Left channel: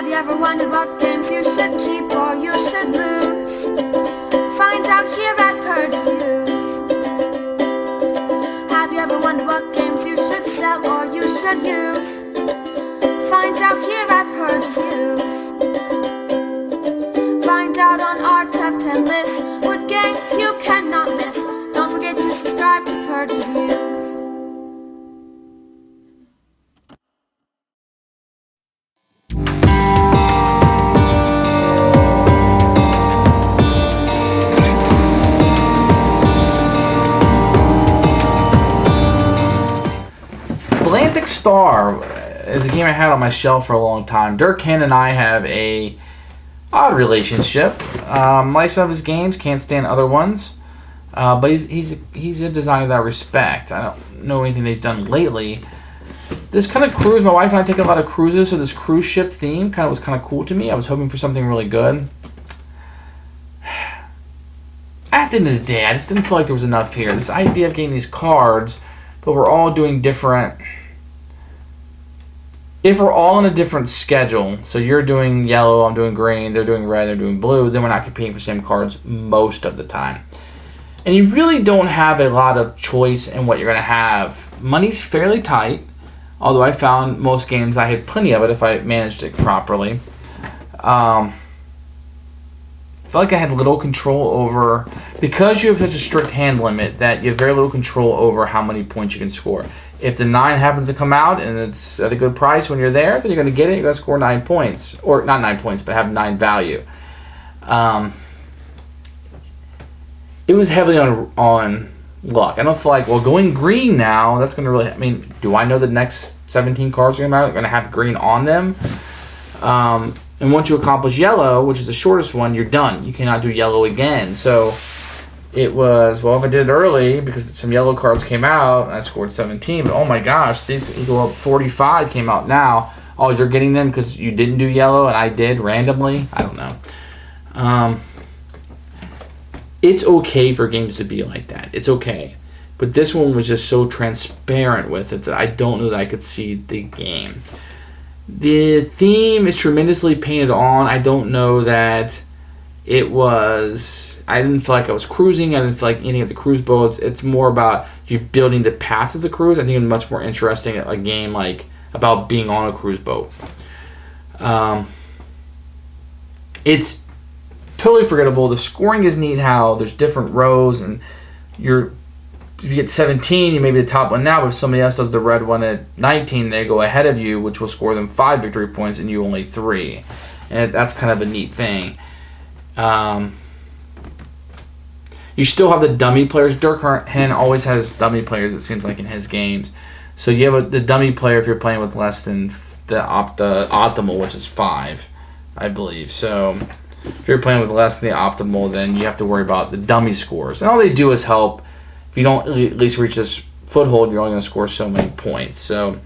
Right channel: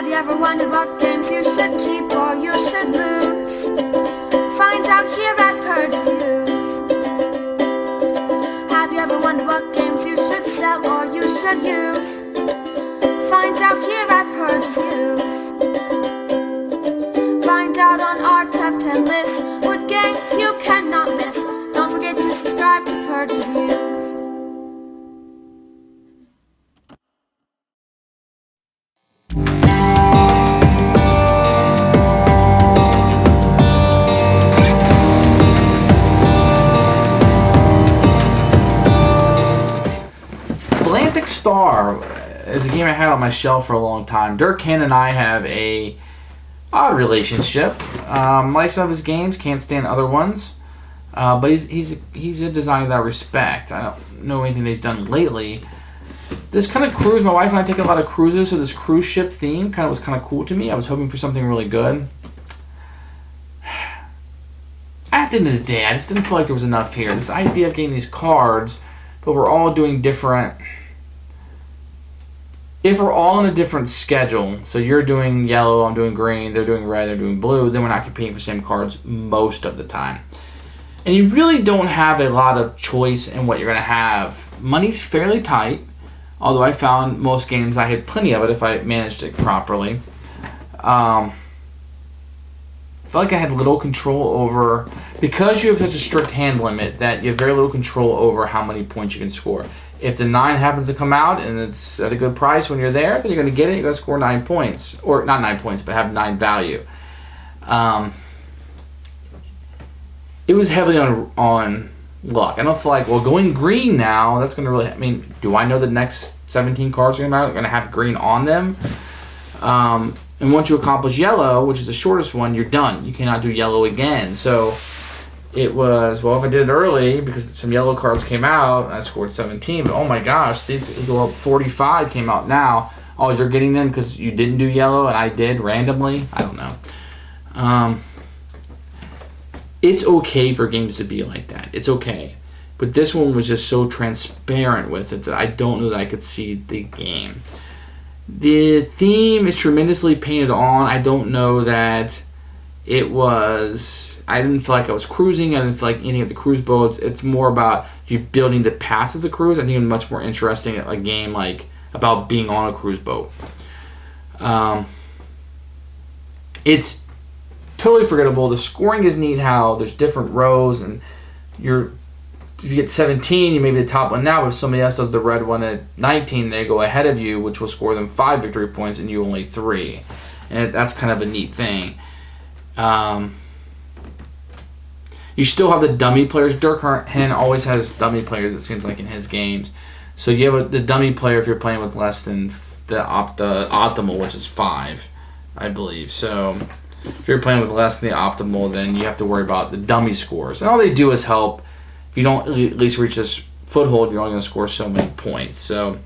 Have you ever wondered what games you should keep or you should lose? Find out here at Purge Reviews. Have you ever wondered what games you should sell or you should use? Find out here at Purge Reviews. Find out on our top 10 list what games you cannot miss. Don't forget to subscribe to Purge Reviews. Atlantic Star is a game I had on my shelf for a long time. Dirk Hen and I have a odd relationship. Like some of his games, can't stand other ones. But he's a designer that I respect. I don't know anything they've done lately. This kind of cruise, my wife and I take a lot of cruises, so this cruise ship theme was kind of cool to me. I was hoping for something really good. At the end of the day, I just didn't feel like there was enough here. This idea of getting these cards, but we're all doing different. If we're all on a different schedule, so you're doing yellow, I'm doing green, they're doing red, they're doing blue, then we're not competing for the same cards most of the time. And you really don't have a lot of choice in what you're going to have. Money's fairly tight, although I found most games I had plenty of it if I managed it properly. I felt like I had little control over, because you have such a strict hand limit, that you have very little control over how many points you can score. If the 9 happens to come out and it's at a good price when you're there, then you're going to get it. You're going to score 9 points. Or not 9 points, but have 9 value. It was heavily on luck. I don't feel like, well, going green now, that's going to really, I mean, do I know the next 17 cards are going to have green on them? And once you accomplish yellow, which is the shortest one, you're done. You cannot do yellow again. So it was, well, if I did it early, because some yellow cards came out, and I scored 17, but oh my gosh, these go up 45 came out now. Oh, you're getting them because you didn't do yellow and I did randomly? I don't know. It's okay for games to be like that. It's okay. But this one was just so transparent with it that I don't know that I could see the game. The theme is tremendously painted on. I don't know that it was, I didn't feel like I was cruising. I didn't feel like anything at the cruise boats. It's more about you building the paths of the cruise. I think it's much more interesting a game like about being on a cruise boat. It's totally forgettable. The scoring is neat how there's different rows, and if you get 17, you may be the top one now, but if somebody else does the red one at 19, they go ahead of you, which will score them 5 victory points and you only 3. And that's kind of a neat thing. You still have the dummy players. Dirk Hen always has dummy players, it seems like, in his games. So you have the dummy player if you're playing with less than the optimal, which is 5, I believe. So if you're playing with less than the optimal, then you have to worry about the dummy scores. And all they do is help. If you don't at least reach this foothold, you're only going to score so many points. So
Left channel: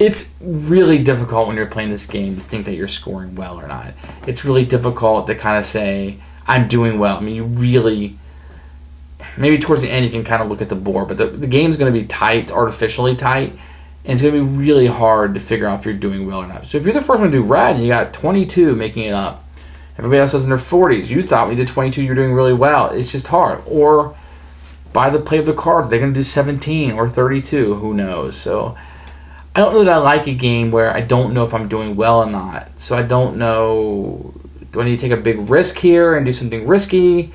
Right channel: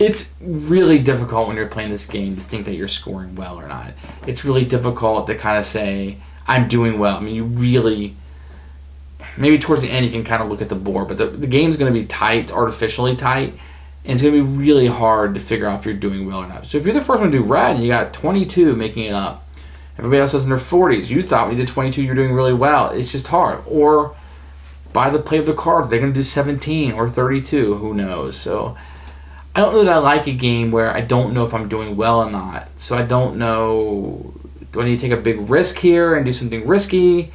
it's really difficult when you're playing this game to think that you're scoring well or not. It's really difficult to kind of say, I'm doing well. I mean, you really, maybe towards the end you can kind of look at the board, but the game's going to be tight, artificially tight, and it's going to be really hard to figure out if you're doing well or not. So if you're the first one to do red and you got 22 making it up, everybody else is in their 40s. You thought when you did 22, you're doing really well. It's just hard. Or by the play of the cards, they're going to do 17 or 32. Who knows? So I don't know that I like a game where I don't know if I'm doing well or not. So I don't know, do I need to take a big risk here and do something risky?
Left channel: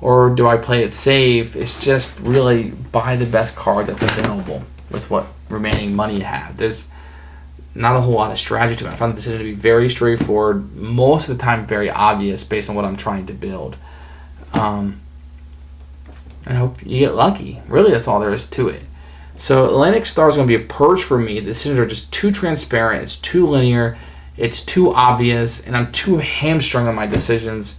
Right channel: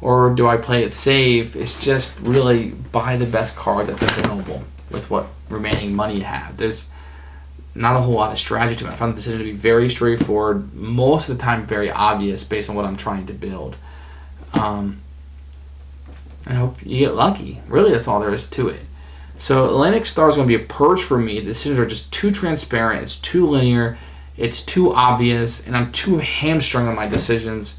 Or do I play it safe? It's just really buy the best card that's available with what remaining money you have. There's not a whole lot of strategy to it. I found the decision to be very straightforward, most of the time very obvious based on what I'm trying to build. I hope you get lucky. Really, that's all there is to it. So Atlantic Star is going to be a purge for me. The decisions are just too transparent. It's too linear. It's too obvious. And I'm too hamstrung on my decisions.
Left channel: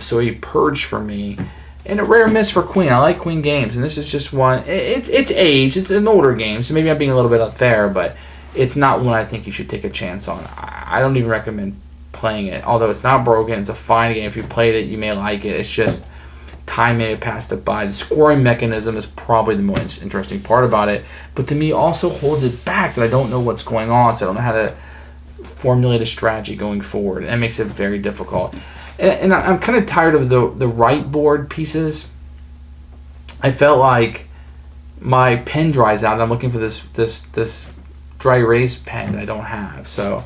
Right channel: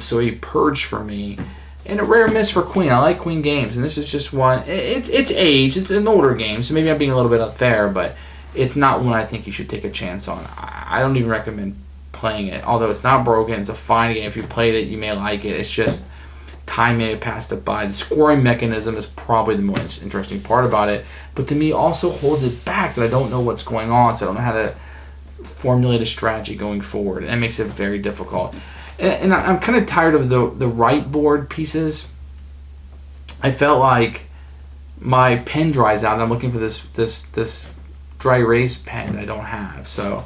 So a purge for me. And a rare miss for Queen. I like Queen games. And this is just one. It's aged. It's an older game. So maybe I'm being a little bit unfair. But it's not one I think you should take a chance on. I don't even recommend playing it. Although it's not broken, it's a fine game. If you played it, you may like it. It's just time may have passed it by. The scoring mechanism is probably the most interesting part about it. But to me, also holds it back that I don't know what's going on. So I don't know how to formulate a strategy going forward. And it makes it very difficult. And I'm kind of tired of the right board pieces. I felt like my pen dries out and I'm looking for this dry erase pen that I don't have. So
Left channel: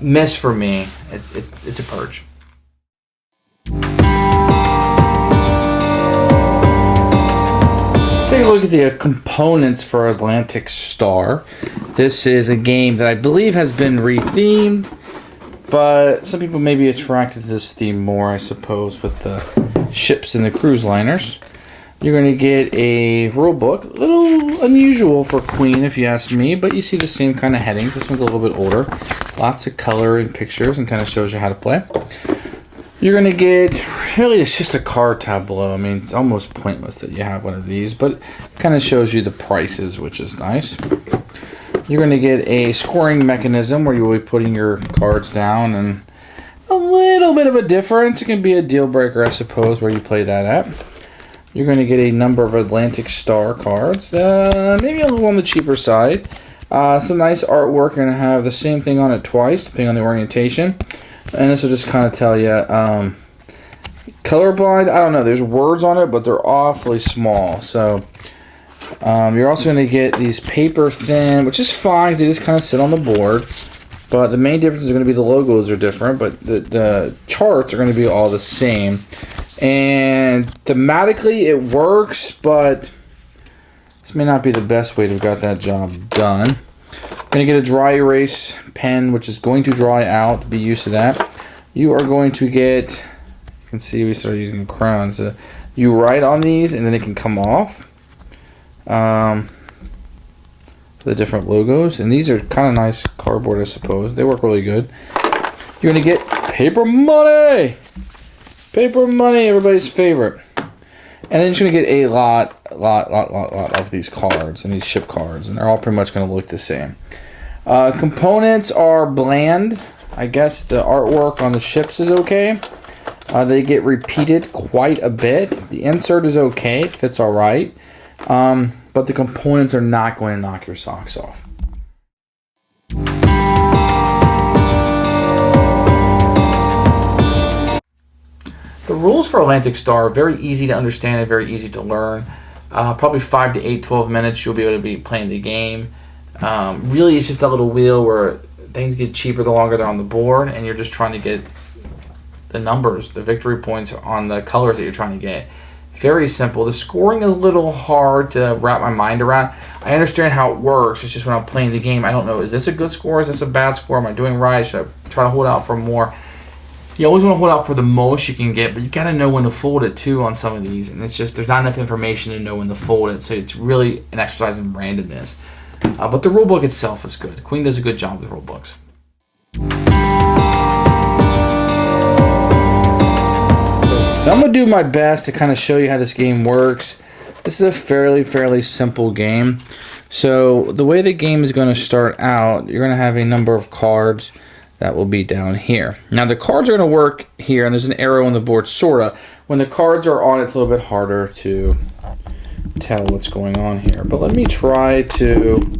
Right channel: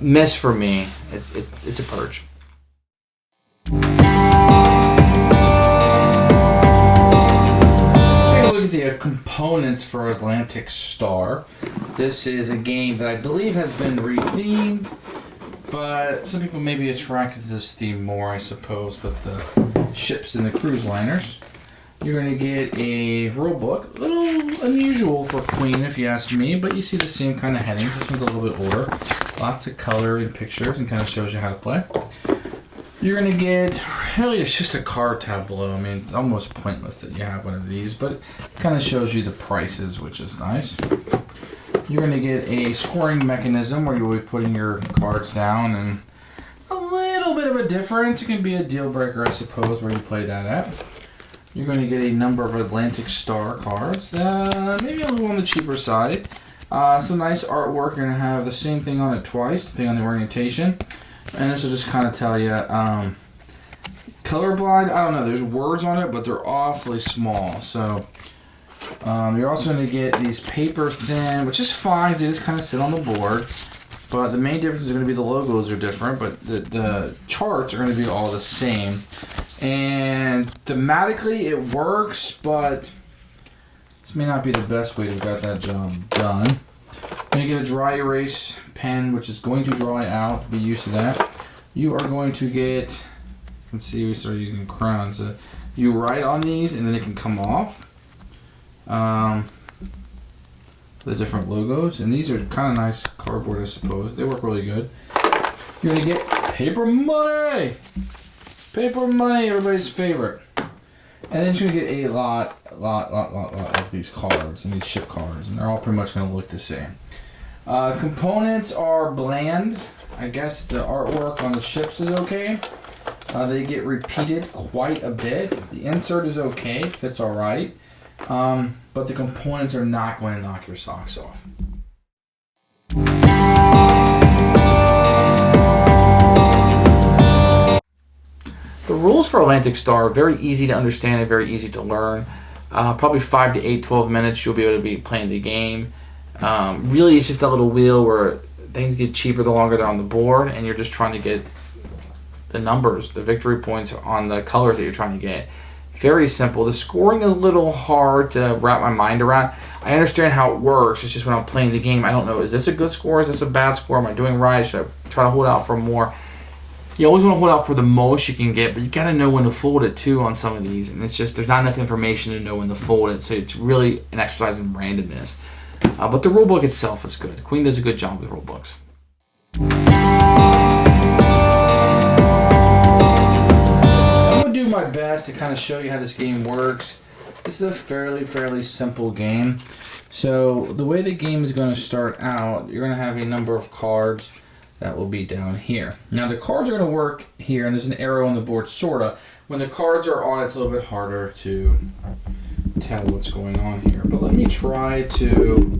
miss for me. It's a purge. Take a look at the components for Atlantic Star. This is a game that I believe has been rethemed, but some people may be attracted to this theme more, I suppose, with the ships and the cruise liners. You're going to get a rule book, a little unusual for Queen if you ask me, but you see the same kind of headings. This one's a little bit older. Lots of color and pictures and kind of shows you how to play. You're going to get, really it's just a card tableau. I mean, it's almost pointless that you have one of these, but it kind of shows you the prices, which is nice. You're going to get a scoring mechanism where you will be putting your cards down, and a little bit of a difference. It can be a deal breaker, I suppose, where you play that at. You're going to get a number of Atlantic Star cards, maybe a little on the cheaper side. Some nice artwork. You're going to have the same thing on it twice, depending on the orientation. And this will just kind of tell you, colorblind, I don't know, there's words on it, but they're awfully small. So you're also going to get these paper thin, which is fine. They just kind of sit on the board. But the main difference is going to be the logos are different, but the charts are going to be all the same. And thematically it works, but this may not be the best way to have got that job done. Then you get a dry erase pen, which is going to dry out. Be used to that. You are going to get, you can see we started using crayons. You write on these and then it can come off. The different logos, and these are kind of nice cardboard, I suppose. They work really good. You're going to get paper money! Paper money, everybody's favorite. And then you're going to get a lot of these cards and these ship cards, and they're all pretty much going to look the same. Components are bland. I guess the artwork on the ships is okay. They get repeated quite a bit. The insert is okay, it fits all right. But the components are not going to knock your socks off. The rules for Atlantic Star are very easy to understand and very easy to learn. Probably 5 to 8, 12 minutes you'll be able to be playing the game. Really, it's just that little wheel where things get cheaper the longer they're on the board, and you're just trying to get the numbers, the victory points on the colors that you're trying to get. Very simple. The scoring is a little hard to wrap my mind around. I understand how it works. It's just when I'm playing the game, I don't know, is this a good score? Is this a bad score? Am I doing right? Should I try to hold out for more? You always want to hold out for the most you can get, but you got to know when to fold it too on some of these. And it's just, there's not enough information to know when to fold it. So it's really an exercise in randomness. But the rulebook itself is good. Queen does a good job with rulebooks. So I'm going to do my best to kind of show you how this game works. This is a fairly simple game. So the way the game is going to start out, you're going to have a number of cards that will be down here. Now the cards are going to work here, and there's an arrow on the board, sorta. When the cards are on, it's a little bit harder to tell what's going on here. But let me try to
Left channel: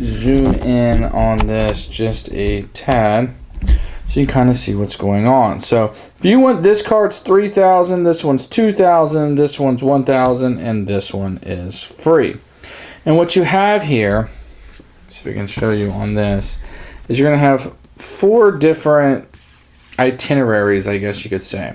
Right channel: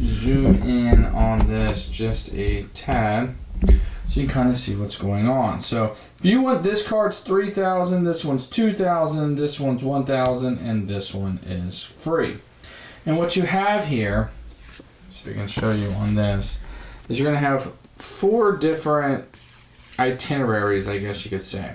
zoom in on this just a tad so you can kind of see what's going on. So if you want, this card's 3,000, this one's 2,000, this one's 1,000, and this one is free. And what you have here, so we can show you on this, is you're going to have 4 different itineraries, I guess you could say.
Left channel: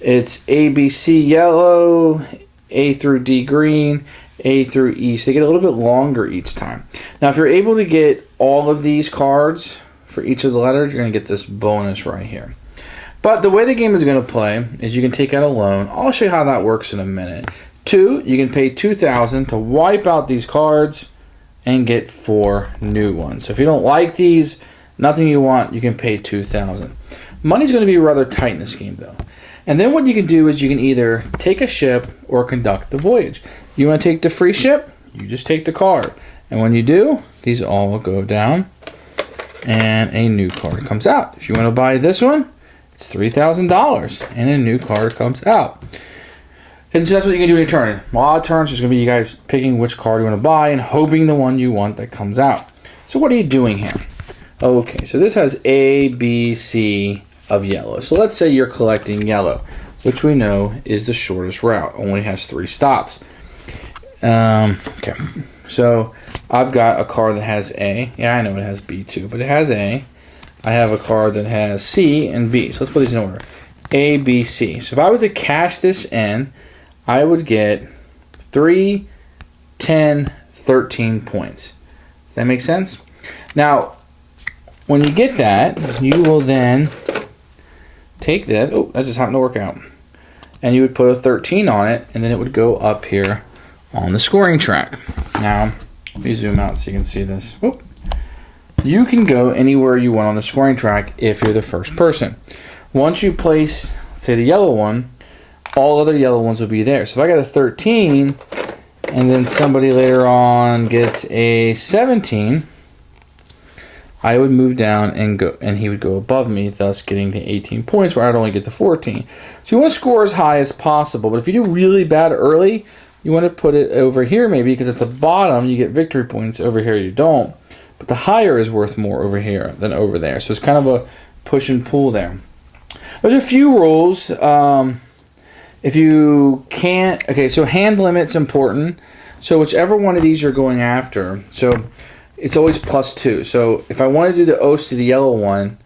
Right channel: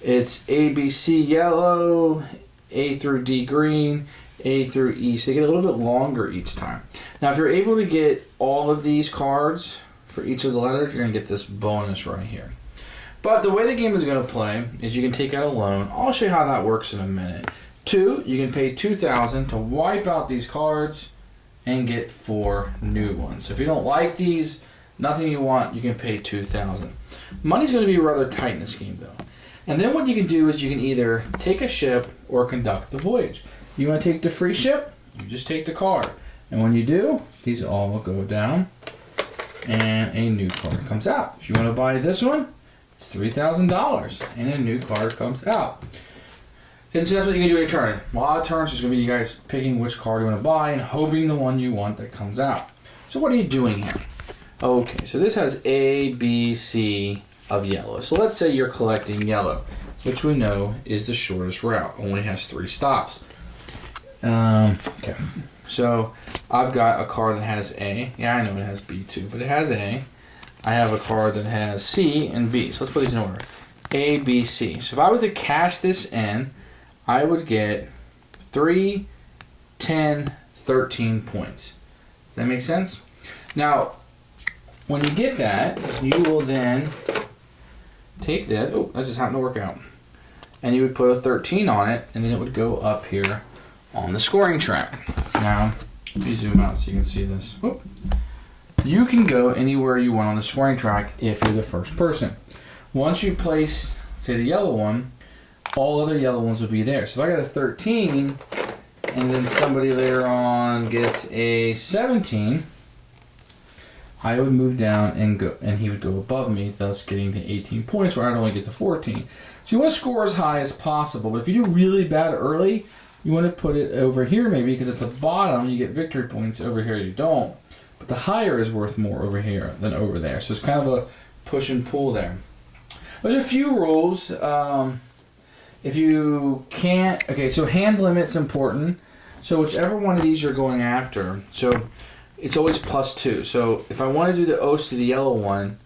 It's A, B, C yellow, A through D green, A through E. So they get a little bit longer each time. Now if you're able to get all of these cards for each of the letters, you're going to get this bonus right here. But the way the game is going to play is you can take out a loan. I'll show you how that works in a minute. 2, you can pay 2,000 to wipe out these cards and get 4 new ones. So if you don't like these, nothing you want, you can pay 2,000. Money's going to be rather tight in this game though. And then what you can do is you can either take a ship or conduct the voyage. You want to take the free ship? You just take the card. And when you do, these all will go down and a new card comes out. If you want to buy this one, it's $3,000 and a new card comes out. And so that's what you can do in your turn. A lot of turns is going to be you guys picking which card you want to buy and hoping the one you want that comes out. So what are you doing here? Okay, so this has A, B, C of yellow. So let's say you're collecting yellow, which we know is the shortest route. Only has 3 stops. Okay, so I've got a card that has A. Yeah, I know it has B too, but it has A. I have a card that has C and B. So let's put these in order. A, B, C. So if I was to cash this in, I would get 3, 10, 13 points. Does that make sense? Now, when you get that, you will then take that. Oh, that just happened to work out. And you would put a 13 on it, and then it would go up here on the scoring track. Now, let me zoom out so you can see this. Whoop. You can go anywhere you want on the scoring track if you're the first person. Once you place, say, the yellow one, all other yellow ones will be there. So if I got a 13, and then somebody later on gets a 17, I would move down and go, and he would go above me, thus getting the 18 points where I'd only get the 14. So you want to score as high as possible, but if you do really bad early, you want to put it over here maybe, because at the bottom you get victory points, over here you don't. But the higher is worth more over here than over there. So it's kind of a push and pull there. There's a few rules. If you can't, okay, so hand limit's important. So whichever one of these you're going after, so it's always +2. So if I want to do the O's to the yellow one,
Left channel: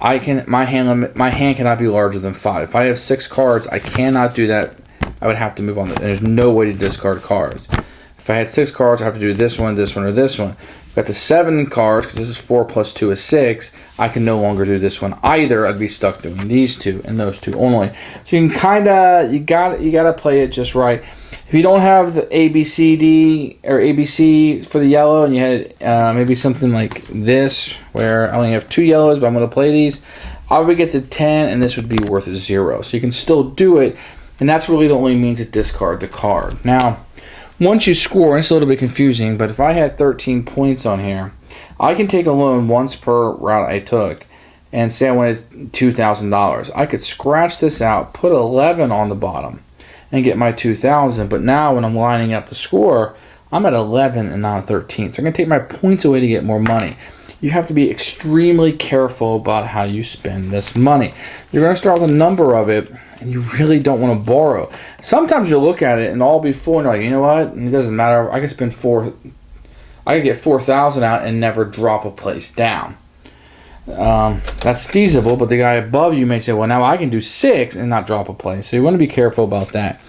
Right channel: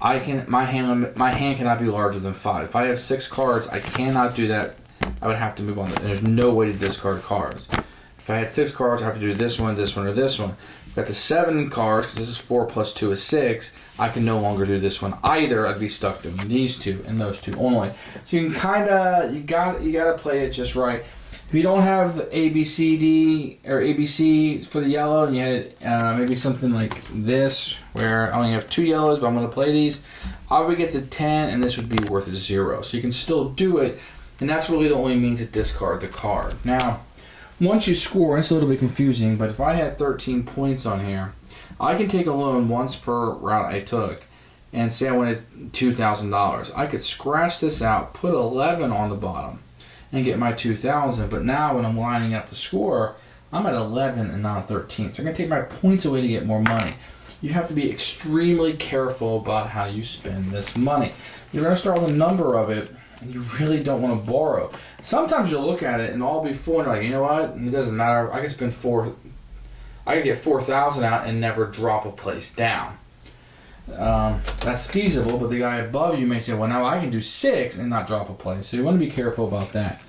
my hand cannot be larger than 5. If I have 6 cards, I cannot do that. I would have to move on. And there's no way to discard cards. If I had 6 cards, I have to do this one, or this one. If I got the 7 cards, because this is 4 plus 2 is 6, I can no longer do this one either. I'd be stuck doing these 2 and those 2 only. So you can kinda, you gotta play it just right. If you don't have the A, B, C, D, or A, B, C for the yellow, and you had maybe something like this, where I only have 2 yellows, but I'm going to play these, I would get to 10, and this would be worth 0. So you can still do it, and that's really the only means to discard the card. Now, once you score, and it's a little bit confusing, but if I had 13 points on here, I can take a loan once per route I took, and say I wanted $2,000. I could scratch this out, put 11 on the bottom, and get my 2,000. But now when I'm lining up the score, I'm at 11 and not 13. So I'm going to take my points away to get more money. You have to be extremely careful about how you spend this money. You're going to start with a number of it, and you really don't want to borrow. Sometimes you'll look at it and all be full, and you're like, you know what? It doesn't matter. I could get 4,000 out and never drop a place down. That's feasible, but the guy above you may say, well, now I can do 6 and not drop a place. So you want to be careful about that.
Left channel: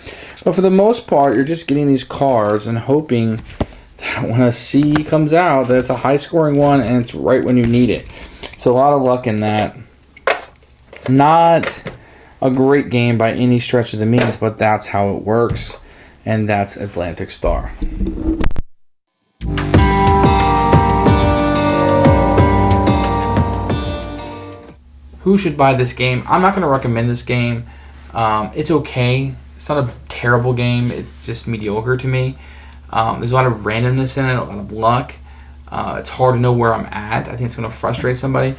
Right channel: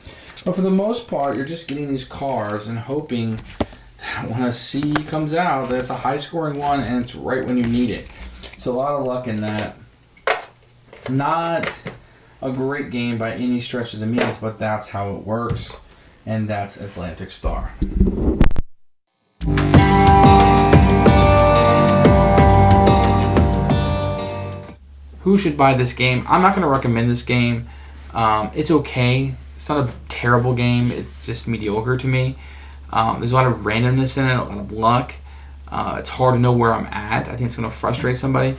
But for the most part, you're just getting these cards and hoping that when a C comes out, that it's a high-scoring one and it's right when you need it. So a lot of luck in that. Not a great game by any stretch of the means, but that's how it works. And that's Atlantic Star. Who should buy this game? I'm not going to recommend this game. It's okay. It's not a terrible game. It's just mediocre to me. There's a lot of randomness in it, a lot of luck. It's hard to know where I'm at. I think it's going to frustrate somebody.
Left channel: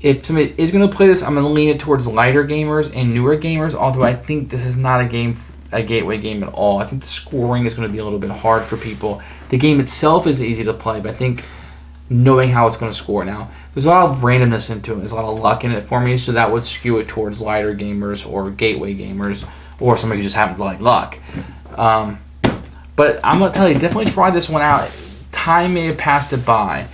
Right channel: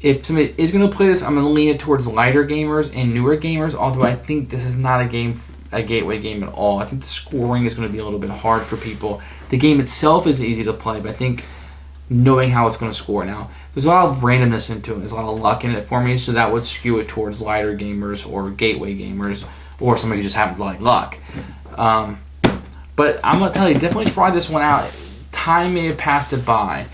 If somebody is going to play this, I'm going to lean it towards lighter gamers and newer gamers, although I think this is not a gateway game at all. I think the scoring is going to be a little bit hard for people. The game itself is easy to play, but I think knowing how it's going to score now. There's a lot of randomness into it. There's a lot of luck in it for me, so that would skew it towards lighter gamers or gateway gamers or somebody who just happens to like luck. But I'm going to tell you, definitely try this one out. Time may have passed it by.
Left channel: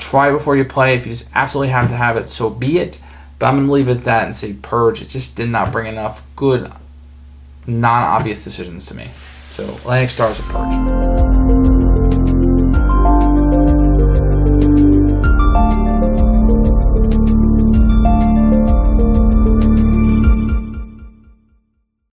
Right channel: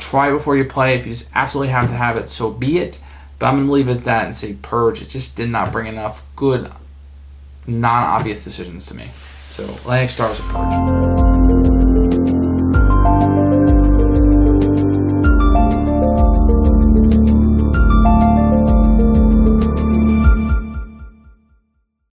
Try it before you play. If you just absolutely have to have it, so be it. But I'm going to leave it at that and say Purge. It just did not bring enough good, non-obvious decisions to me. So Atlantic Star is a Purge.